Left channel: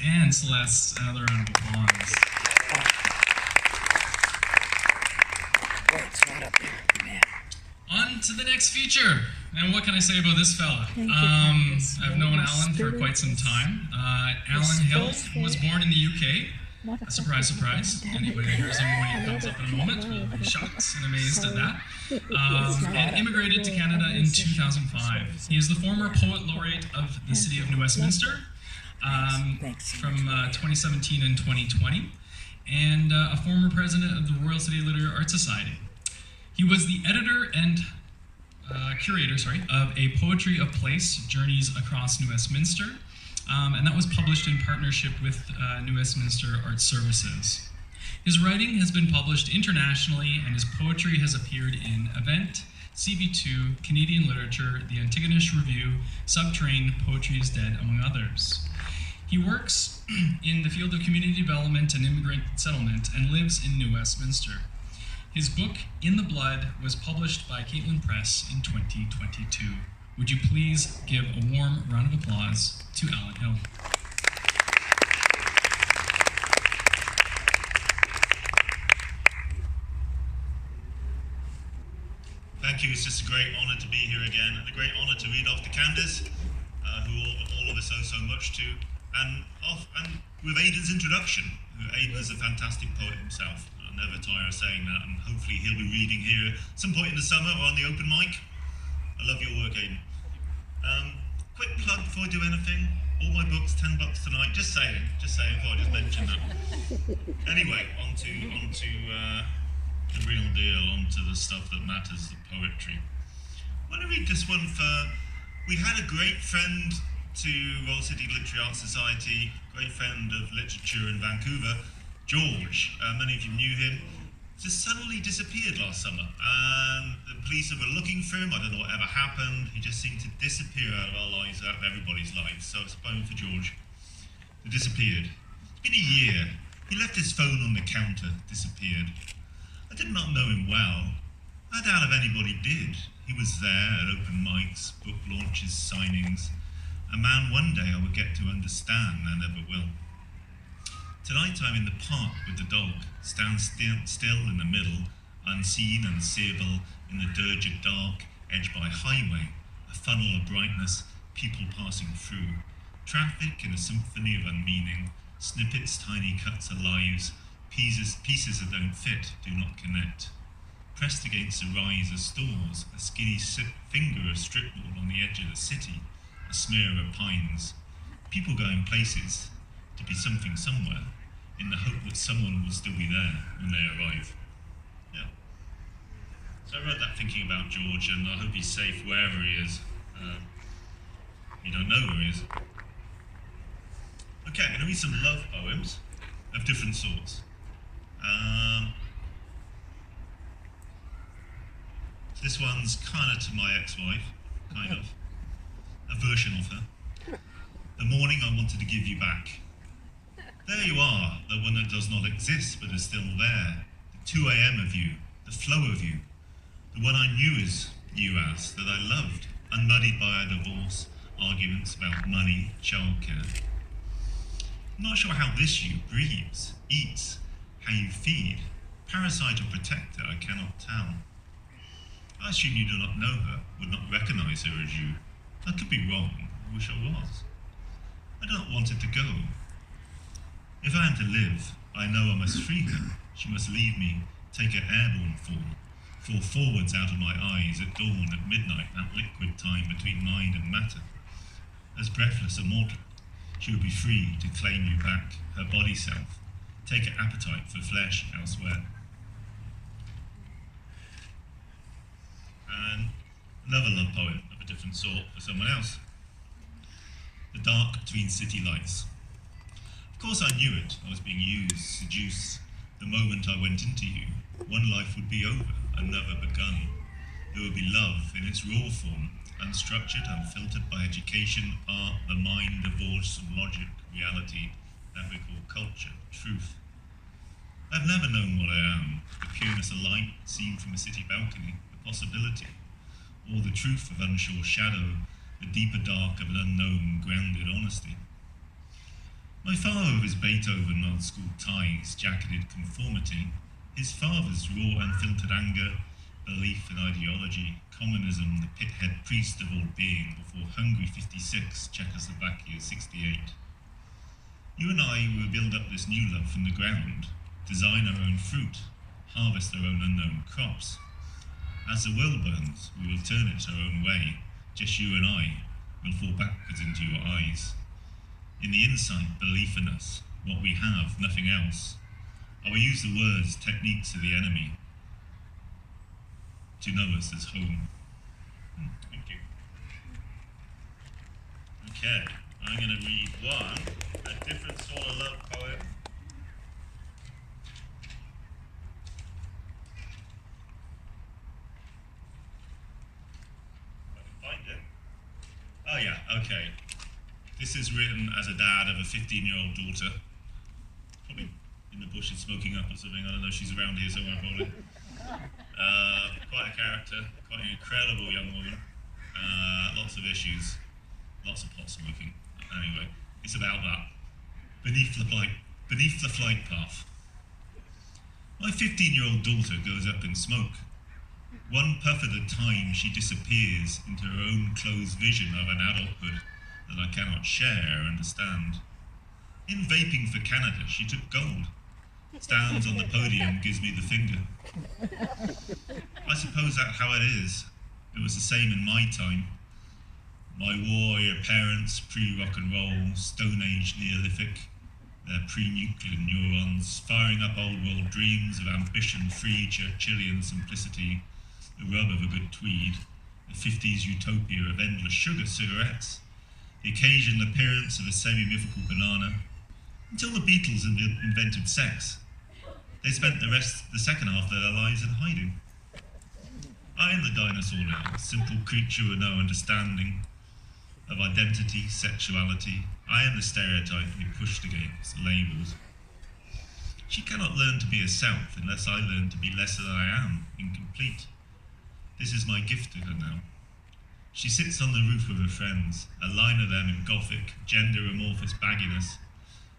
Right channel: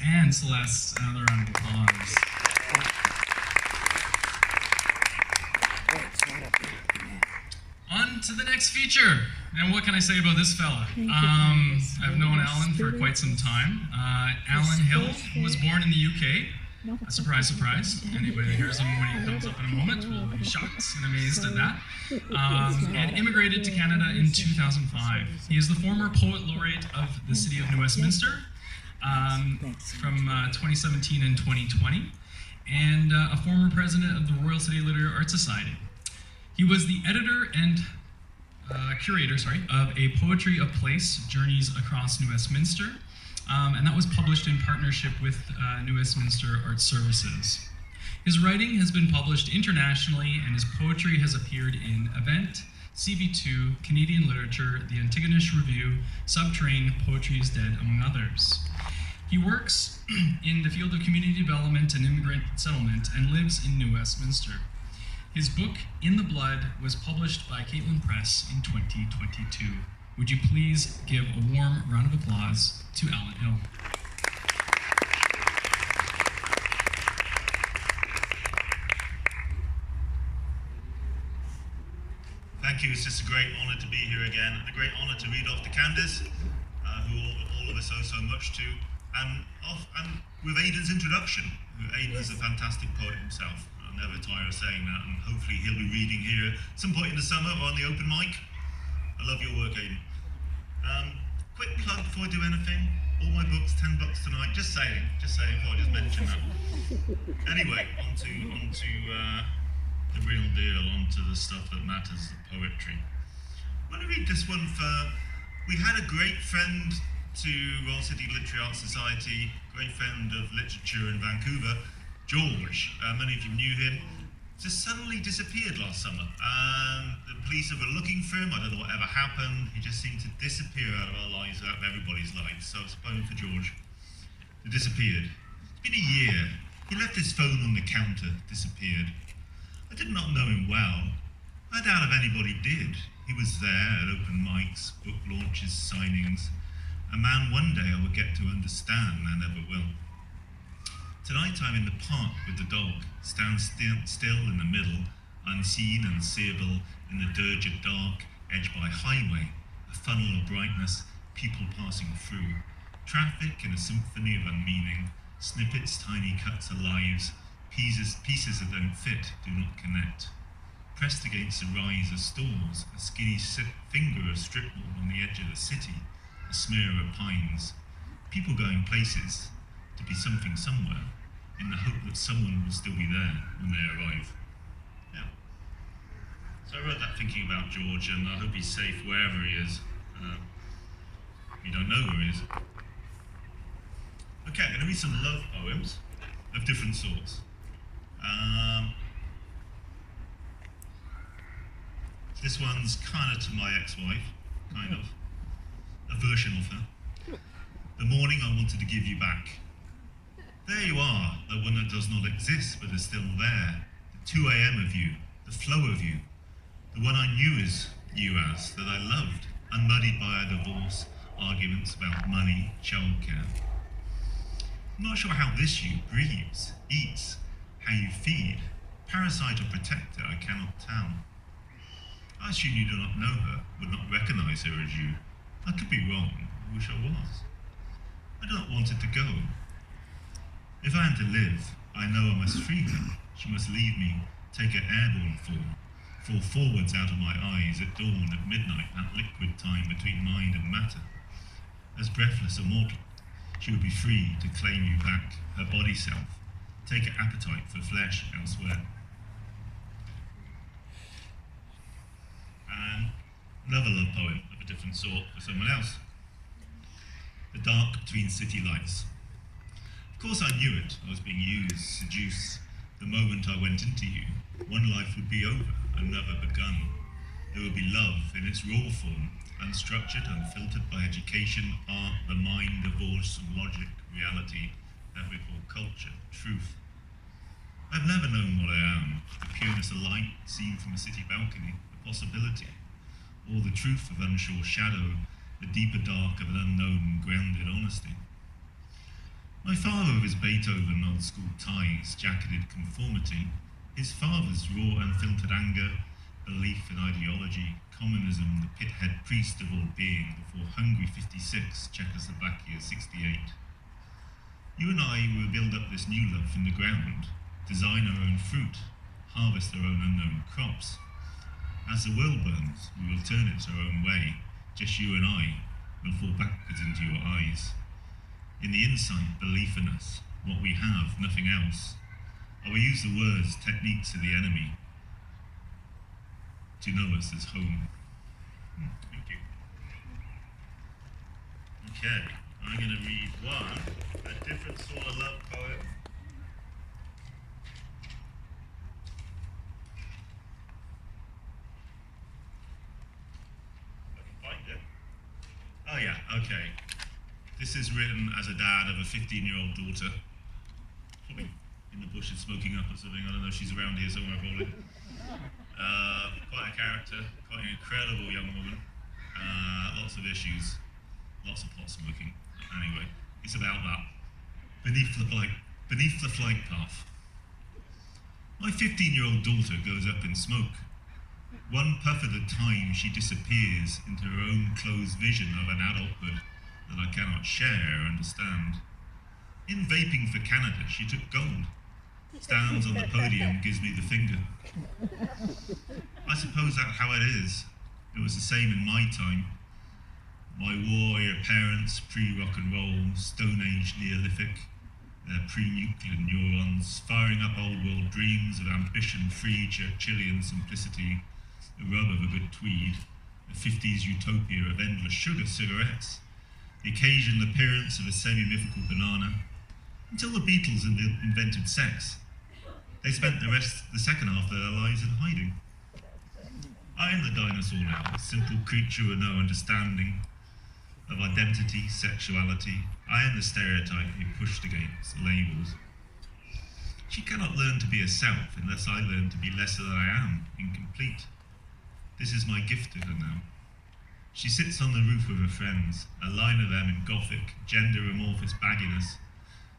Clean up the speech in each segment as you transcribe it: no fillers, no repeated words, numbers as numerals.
And Celeste, another round of applause. On to the next feature. And what can I say about this fella? I've known Alan for quite some time. Alan Hill was born in the UK. Surprise, surprise. Anybody that hears him when he comes up in a moment will be shocked and amazed at that. And immigrated to Canada in 2005. He is the former Poet Laureate of the City of New Westminster from 2017 and 2020, and a former president of the Royal City Literary Art Society. He was the editor and curator, of A Poetry of Place, Journeys Across New Westminster, and that was published in partnership with New Westminster Art Services. His writing has been published internationally, and his poetry has appeared in Event, CB2, Canadian Literature, The Antigonish Review, Subterrane, Poetry is Dead, among others. He works in the field of community development and immigrant settlement and lives in New Westminster. His book, In the Blood, was published by Caitlin Press in 2022. Would you please give a warm round of applause to Alan Hill. Thank you. It's just a great honour to be here again, and a great honour to read off to Candace, who all of us owe so much to, and with Aidan's introduction. Aidan is a fantastic poet himself. I'll never tire of saying that, and hopefully he'll be reading here some point in the summer or on the open mic. I love your work, Aidan. Quick plug before I do anything. All my books, $10 tonight. Just saying. Thought I'd just mention that. Anyway, on to the real deal, onto the stuff that matters, the poetry. I want to read this one we had a great friend to Royal City Literary Art Society, great friend of literature in Vancouver, George. Many of you knew him. Just suddenly disappeared last summer, and the police were looking for him. I don't know what ever happened. He just seemed to disappear out of our lives, out of everybody's lives. So it's a poem for George. He disappeared. It's been a year. He left his phone on the counter, disappeared. I did not know him well. I doubt if anybody did. He was there at open mics, book launches, signings. A man one day I would get to understand, I never will. Tonight I'm in the park with the dog, stand still in the middle, unseen and seeable in the dirged dark, edged by highway, a funnel of brightness, people passing through. Traffic in a symphony of unmeaning, snippets, tiny cuts of lives, pieces that don't fit, do not connect. Pressed against the rise of stores, a skinny finger of stripboard on the edge of the city, a smear of pines. People going places, to be something somewhere, in the hope that someone will still be there when they arrive. Yeah. So I wrote that thinking about George, and I hope he's safe wherever he is. You don't know where he is. Okay, I'm going to read some love poems of different sorts. This one's kind of to my ex-wife, kind of. A version of her. The morning I wanted to give you back. There you are, the one that does not exist but is still there. The 2 a.m. of you, the flow of you. The one I knew as you as, that I loved, unmuddied by our divorce, arguments about money, childcare. I'm not sure how this you breathes, eats, how you feed. Parasite or protector, I cannot tell. I assume you do not know her, would not recognize her as you. I could be wrong, I wish I was. I do not want it to go. If I am to live, I know I must free her. She must leave me, take her airborne fall forwards out of my eyes at dawn, at midnight, that liquid time between mind and matter. As breathless a mortal, she will be free to claim you back, her body self, take her appetite for flesh elsewhere. And another love poem of a different sort for someone else. The dark between city lights. Of course I knew it. I was being used, seduced. The moment I went into you, one life would be over, another begun. There would be love in its raw form, unstructured, unfiltered by education, art, the mind divorced from logic, reality, that we call culture, truth. I've never known what I am, the pureness of light seen from a city balcony, the possibility, or the truth of unsure shadow, the deeper dark of an unknown, grounded honesty. My My father was Beethoven old school ties, jacketed conformity. His father's raw unfiltered anger, belief in ideology, communism, the pithead priest of all being before Hungary 56, Czechoslovakia 68. You and I will build up this new love from the ground, design our own fruit, harvest our own unknown crops. As the world burns, we will turn it our own way. Just you and I will fall backwards into your eyes. In the insight, belief in us, what we have, nothing else. I will use the words, techniques of the enemy to know us as home. Thank you. Okay, I'm going to read one, a different sort of love poem. Find it. Oh yeah, okay. This is written as a dad of a 15-year-old daughter. Probably in the bushes smoking up or something. I don't know, she's around here somewhere probably. Quite a character, quite an incredible young woman. Lots of issues, lots of pot smoking. Anyway, it's about that. Beneath the flight path. My 15-year-old daughter goes up in smoke. One puff at a time, she disappears into her own closed vision of an adulthood that I cannot share or understand. In vaping for Canada, she took gold. Stands on the podium, gives me the finger. I suppose that's how it is. It was the same in my time. My warrior parents, pre-rock and roll, Stone Age Neolithic, their pre-nuclear neurons, firing up old world dreams of ambition-free Churchillian simplicity, the rub of a good tweed, the 50s utopia of endless sugar cigarettes, the occasional appearance of a semi-mythical banana, until the Beatles invented sex. They spent the second half of their lives in hiding. I am the dinosaur now, a simple creature with no understanding of identity, sexuality. I am the stereotype being pushed against, labels. She cannot learn to be herself unless I learn to be lesser than I am, incomplete. This is my gift to her now. She sits on the roof with her friends, a line of them in gothic, gender-amorphous bagginess,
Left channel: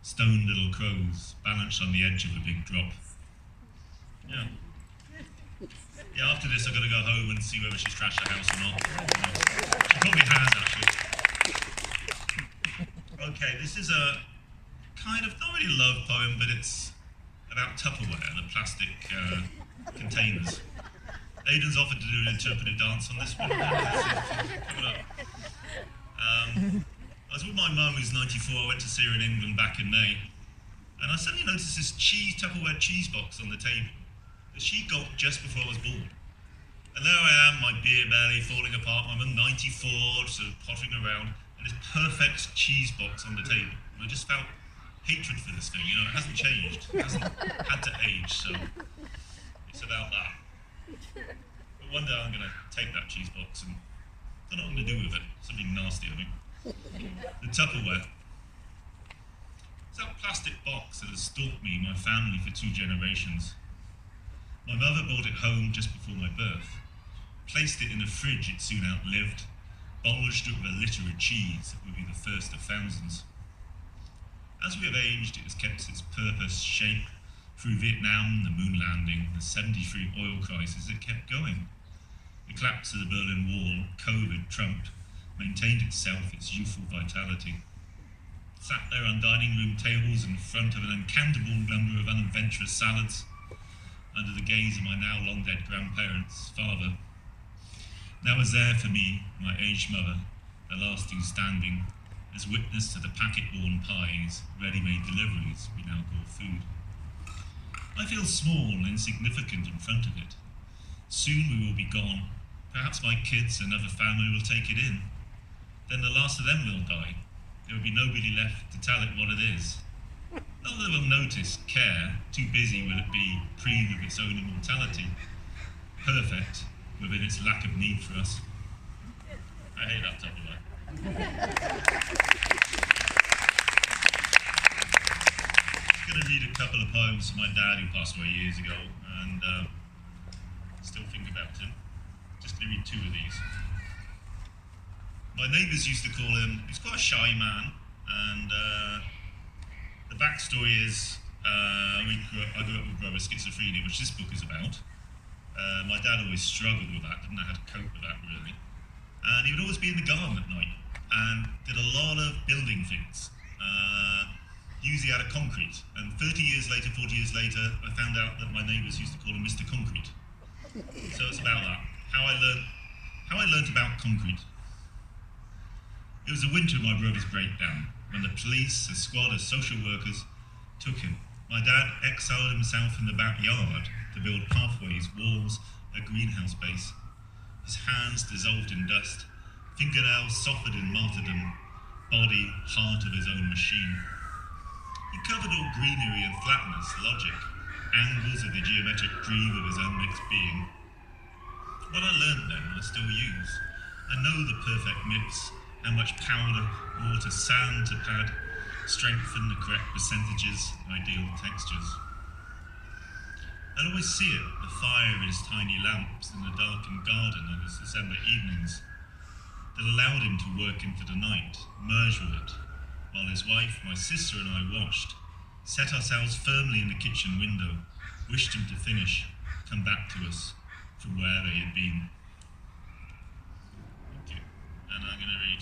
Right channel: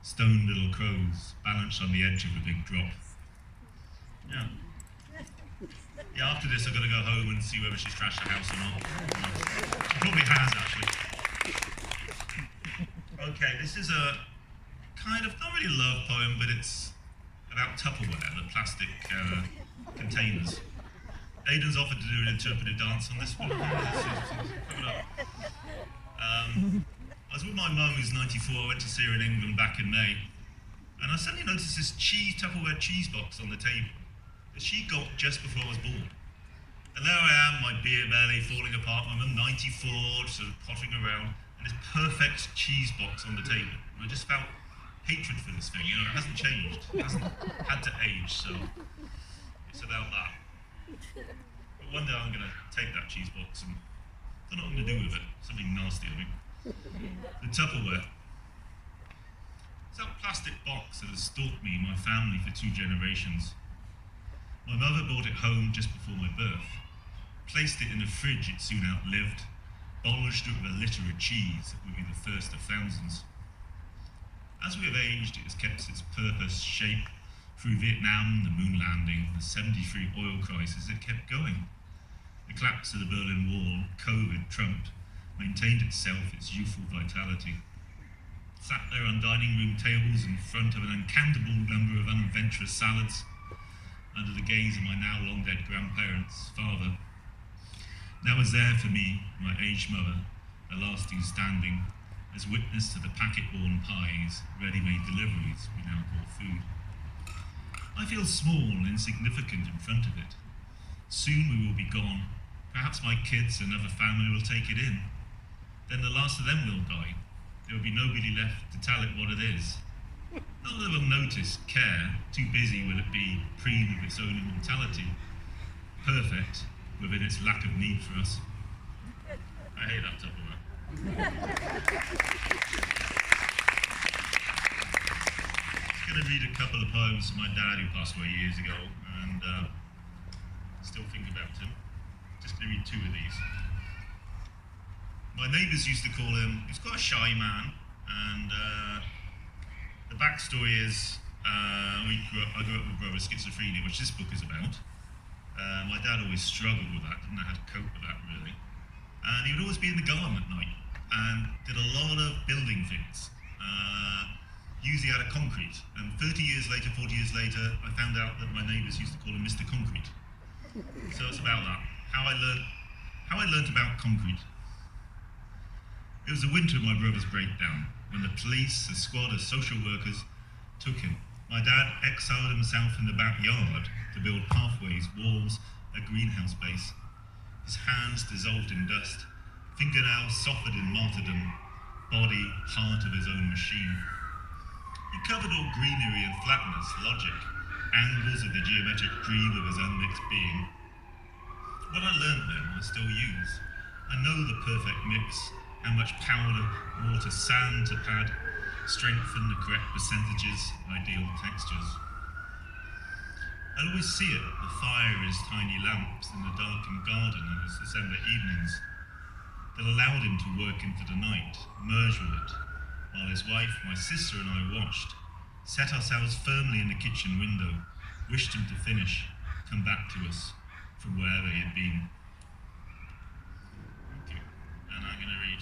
stoned little crows, balanced on the edge of a big drop. Yeah. Yeah, after this I'm going to go home and see whether she's trashed the house or not. She probably has, actually. Okay, this is a kind of, not really a love poem, but it's about Tupperware, the plastic containers. Aidan's offered to do an interpretive dance on this one. Coming up. I was with my mum who's 94, I went to see her in England back in May, and I suddenly noticed this Tupperware cheese box on the table that she got just before I was born. And there I am, my beer belly falling apart, my mum 94, sort of pottering around, and this perfect cheese box on the table. And I just felt hatred for this thing, you know, it hasn't changed, it hasn't had to age, so it's about that. But one day I'm going to take that cheese box and I don't know what I'm going to do with it, something nasty, I think. The Tupperware. It's that plastic box that has stalked me and my family for 2 generations. My mother brought it home just before my birth, placed it in a fridge it soon outlived, bulged it with a litter of cheese that would be the first of thousands. As we have aged, it has kept its purpose, shape, through Vietnam, the moon landing, the 73 oil crisis, it kept going. The collapse of the Berlin Wall, COVID, Trump, maintained itself, its youthful vitality. Sat there on dining room tables in front of an uncountable number of unadventurous salads, under the gaze of my now long dead grandparents' father. Now was there for me, my aged mother, the last two standing, as witness to the packet-borne pies, ready-made deliveries we now call food. I feel small and insignificant in front of it. Soon we will be gone. Perhaps my kids and other family will take it in. Then the last of them will die. There will be nobody left to tell it what it is. Not that it will notice, care, too busy will it be, preen of its own immortality. Perfect, within its lack of need for us. I hate that Tupperware. I'm going to read a couple of poems from my dad who passed away years ago, and still think about him. Just going to read 2 of these. My neighbours used to call him, he's quite a shy man, and backstory is I grew up with brother schizophrenia, which this book is about. My dad always struggled with that, didn't know how to cope with that really. And he would always be in the garden at night and did a lot of building things. Usually out of concrete. And 30 years later, 40 years later, I found out that my neighbours used to call him Mr. Concrete. So it's about that. How I learned about concrete. It was the winter of my brother's breakdown when the police, a squad of social workers, took him. My dad exiled himself in the backyard to build pathways, walls, a greenhouse base. His hands dissolved in dust, fingernails softened in martyrdom, body, heart of his own machine. He covered all greenery and flatness, logic, angles of the geometric groove of his unmixed being. What I learned then, I still use. I know the perfect mix, how much powder, water, sand to pad, strengthen the correct percentages, ideal textures. I'd always see it, the fire of his tiny lamps in the darkened garden on his December evenings that allowed him to work into the night, merge with it, while his wife, my sister and I washed, set ourselves firmly in the kitchen window, wished him to finish, come back to us from wherever he had been. Okay. And I'm going to read.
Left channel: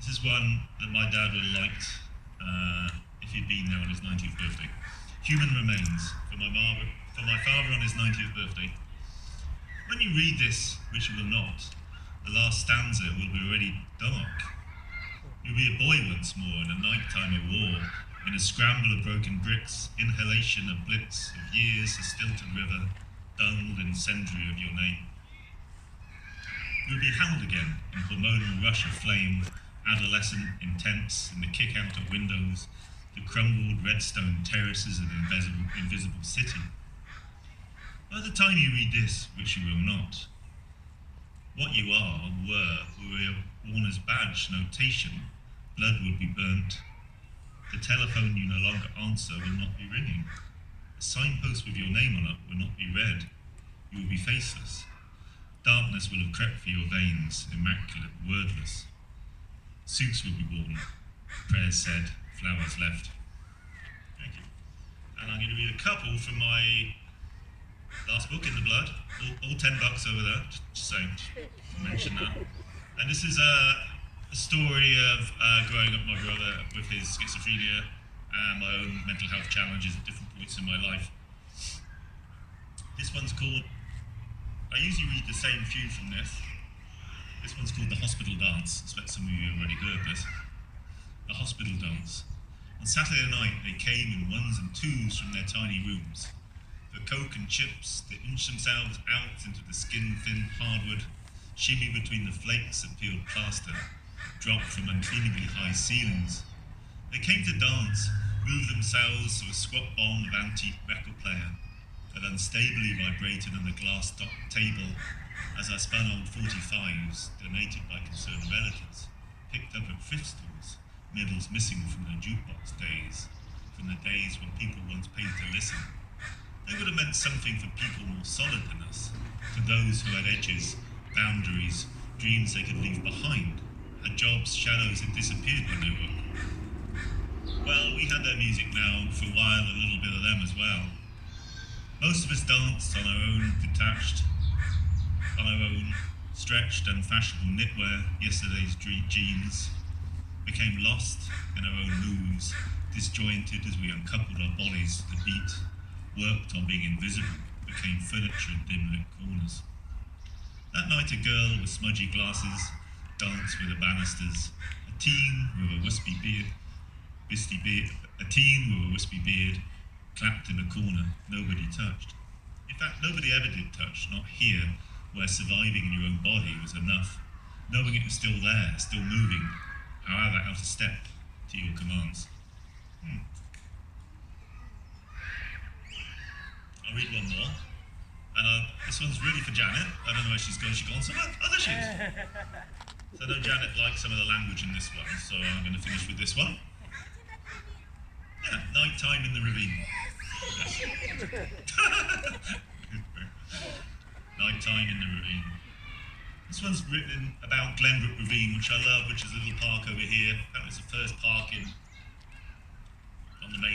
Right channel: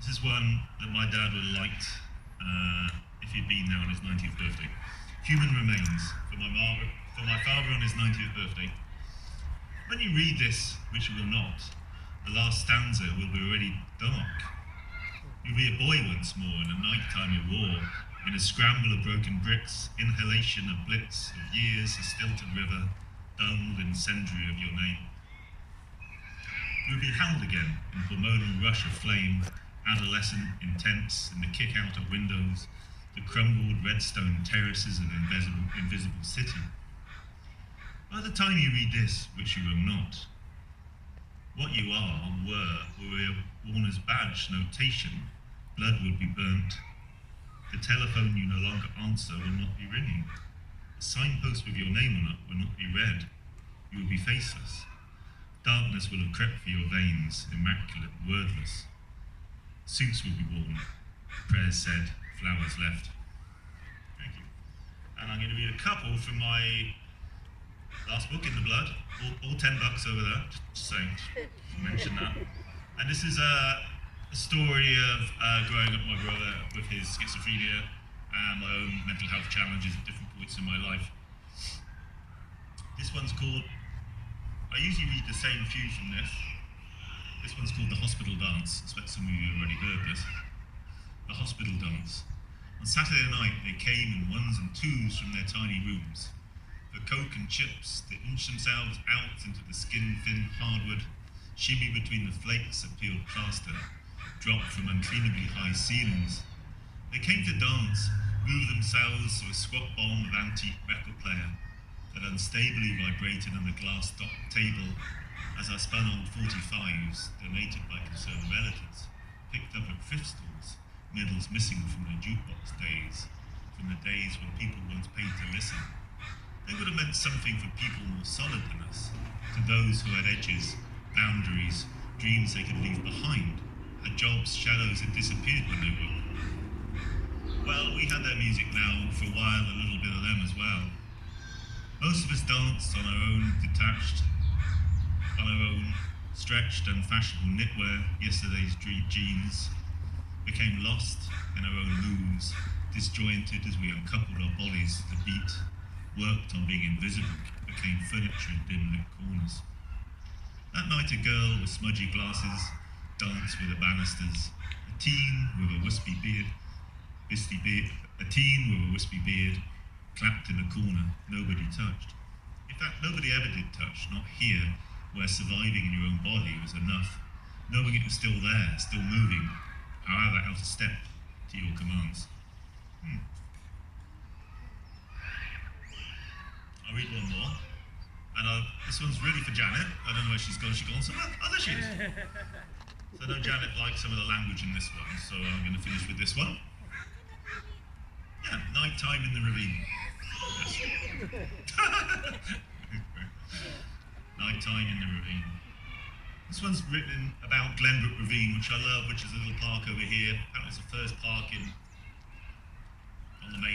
This is one that my dad would have liked if he'd been there on his 90th birthday. Human Remains, for my father on his 90th birthday. When you read this, which you will not, the last stanza will be already dark. You'll be a boy once more in a nighttime of war, in a scramble of broken bricks, inhalation of blitz of years, a stilted river, dulled incendiary of your name. You'll be held again in hormonal rush of flame, adolescent, intense, in the kick-out of windows, the crumbled redstone terraces of invisible city. By the time you read this, which you will not, what you are, were a Warner's badge notation, blood would be burnt. The telephone you no longer answer will not be ringing. A signpost with your name on it will not be read. You will be faceless. Darkness will have crept through your veins, immaculate, wordless. Suits will be worn. Prayers said, flowers left. Thank you. And I'm going to read a couple from my last book, In the Blood. All $10 over there, just saying, mention that. And this is a story of growing up my brother with his schizophrenia and my own mental health challenges at different points in my life. This one's called, I usually read the same few from this. This one's called The Hospital Dance. I expect some of you have already heard this. The Hospital Dance. On Saturday night, they came in ones and twos from their tiny rooms. For coke and chips, they inched themselves out into the skin-thin hardwood, shimmy between the flakes of peeled plaster, dropped from uncleanably high ceilings. They came to dance, moved themselves to a squat bond of antique record player that unstably vibrated on the glass-topped table as I spun on 45s donated by concerned relatives, picked up at thrift stores, middles missing from their jukebox days, from the days when people once paid to listen. They would have meant something for people more solid than us, to those who had edges, boundaries, dreams they could leave behind, had jobs, shadows that disappeared when they woke. Well, we had their music now, for a while a little bit of them as well. Most of us danced on our own, detached, on our own, stretched and fashionable knitwear, yesterday's jeans, became lost in our own moves, disjointed as we uncoupled our bodies to the beat, worked on being invisible, became furniture in dim-lit corners. That night a girl with smudgy glasses danced with the banisters, a teen with a wispy beard, clapped in a corner, nobody touched. In fact, nobody ever did touch, not here, where surviving in your own body was enough, knowing it was still there, still moving, however out of step to your commands. I'll read one more. And this one's really for Janet. I don't know where she's gone. She's gone somewhere. Oh, there she is. So I know Janet likes some of the language in this one, so I'm going to finish with this one. Yeah, Nighttime in the Ravine. Yes. Nighttime in the Ravine. This one's written about Glenbrook Ravine, which I love, which is a little park over here. Apparently it's the first park in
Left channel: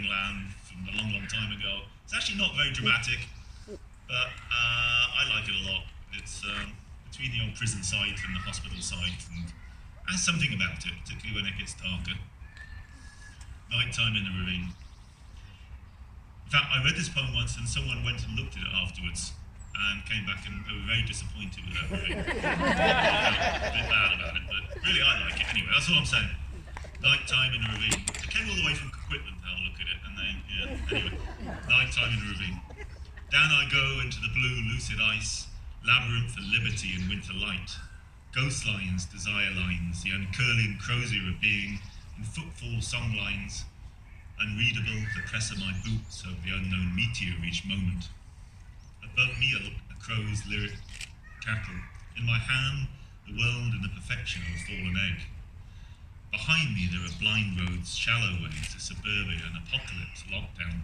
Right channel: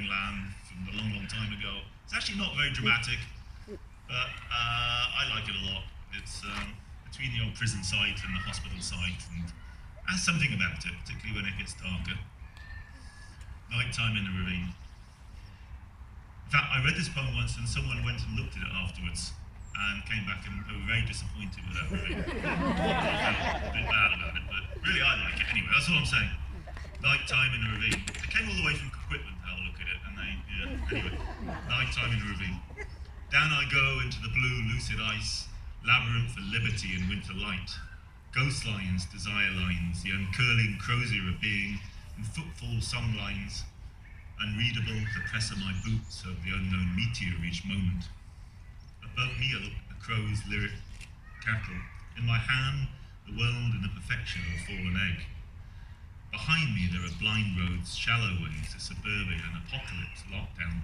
Burning Land from a long, long time ago. It's actually not very dramatic, but I like it a lot. It's between the old prison site and the hospital site, and has something about it, particularly when it gets darker. Nighttime in the ravine. In fact, I read this poem once and someone went and looked at it afterwards and came back and they were very disappointed with that ravine. A bit bad about it, but really I like it anyway. That's all I'm saying. Nighttime in the ravine. They came all the way from Coquitlam to have a look at it, and they, anyway. Nighttime in the ravine. Down I go into the blue, lucid ice, labyrinth of liberty and winter light. Ghost lines, desire lines, the uncurling crozier of being, and footfall song lines, unreadable, the press of my boots over the unknown meteor each moment. Above me a crow's lyric cackle. In my hand, the world in the perfection of a fallen egg. Behind me there are blind roads, shallow ways, a suburbia, an apocalypse, lockdown,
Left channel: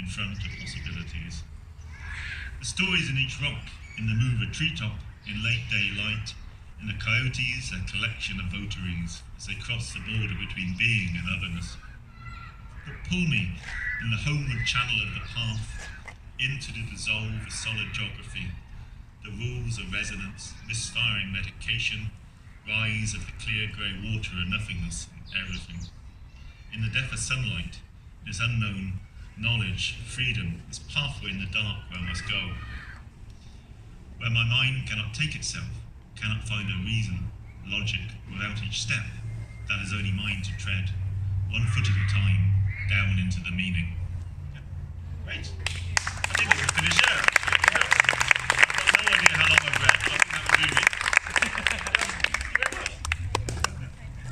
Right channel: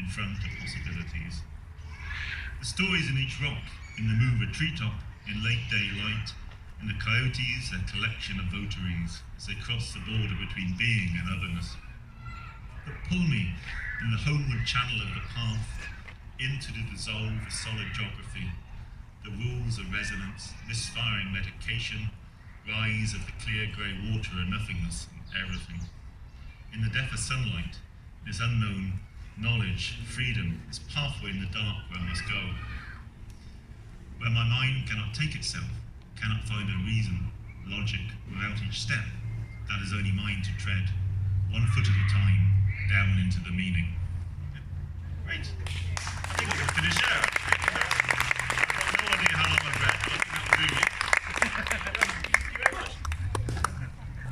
in front of possibilities. The stories in each rock, in the move of treetop, in late daylight, in the coyotes, a collection of votaries, as they cross the border between being and otherness. But pull me in the homeward channel of the path, into the dissolve of solid geography, the rules of resonance, misfiring medication, rise of the clear grey water and nothingness, everything. In the depth of sunlight, this unknown knowledge, freedom, this pathway in the dark where I must go. Where my mind cannot take itself, cannot find a reason, logic, without each step, that is only mine to tread, one foot at a time, down into the meaning. Great. I think we're finished there. I've got no idea how long I've read, but I think that will do me.